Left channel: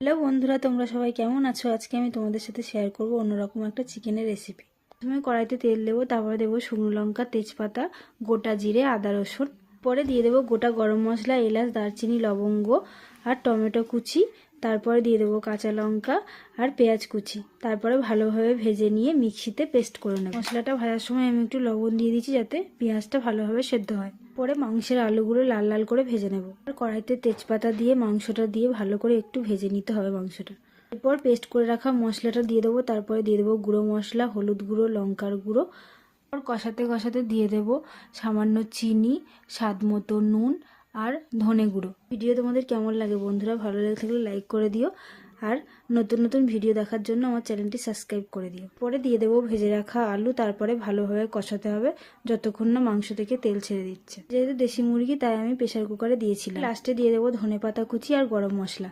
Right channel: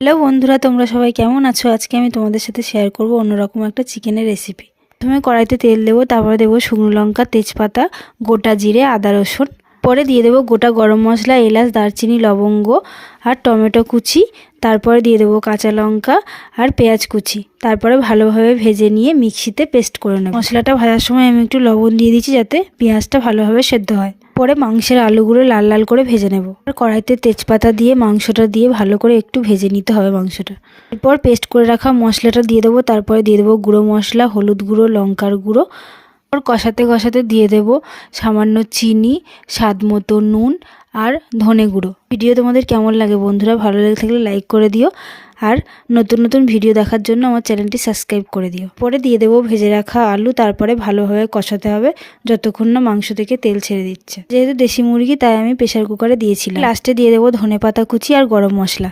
Hello বন্ধুরা, তোমরা সবাই কেমন আছো? আজকে আমি তোমাদের সাথে শেয়ার করব অন্যরকম একটা চিকেনের রেসিপি। প্রথমে কড়াইতে তেল দেবো, তারপরে দেবো শুকনো লঙ্কা, তেজপাতা, গোটা জিরে, আদা রসুন। পরে দিয়ে দেবো গোটা গরম মশলা, এলাচ, দারচিনি, লবঙ্গ আর টমেটো কুচি। তারপরে দিয়ে দেবো কাঁচা লঙ্কা আর পেঁয়াজ কুচি। তারপরে ভালোভাবে ভেজে নিয়ে মিক্সিতে পেস্ট করে নেব। মশলাটা ভাজার সময় আমি একটু লবণ দিয়ে দিচ্ছি যাতে পেঁয়াজটা ভালোভাবে সেদ্ধ হয়। পরে মাংসের আলুগুলো লাল লাল করে ভেজে নেব। আর কড়াইতে তেজপাতা দিয়ে মাংসটা দিয়ে ভালো করে একটু ভেজে নিতে হবে মাংসটা। এরপর পেস্ট করে রাখা মশলাটা দিয়ে দেবো। তারপরে দিয়ে দেবো গুঁড়ো মশলা, হলুদ গুঁড়ো, লঙ্কার গুঁড়ো। আর কষাতে কষাতে দিয়ে দেবো সামান্য চিনি, স্বাদ মতো নুন আর ধনে গুঁড়ো। ভিডিও তোমাদের কেমন লাগে বন্ধুরা? ভালো লেগে থাকলে লাইক করে দিও, আর নতুন নতুন ভিডিও দেখার জন্য আমার চ্যানেলটি সাবস্ক্রাইব করে দিও। পরে দিয়ে দেবো ভেজে রাখা আলু। তারপরে ভালোভাবে কষাতে হবে যতক্ষণ না মাংস থেকে তেল ছেড়ে দিচ্ছে। যেহেতু দেশি মুরগি তাই আমি প্রেসার কুকারে দিয়েছিলাম। লাস্টে দিয়ে দেবো ধনেপাতা কুচি আর গরম মশলা।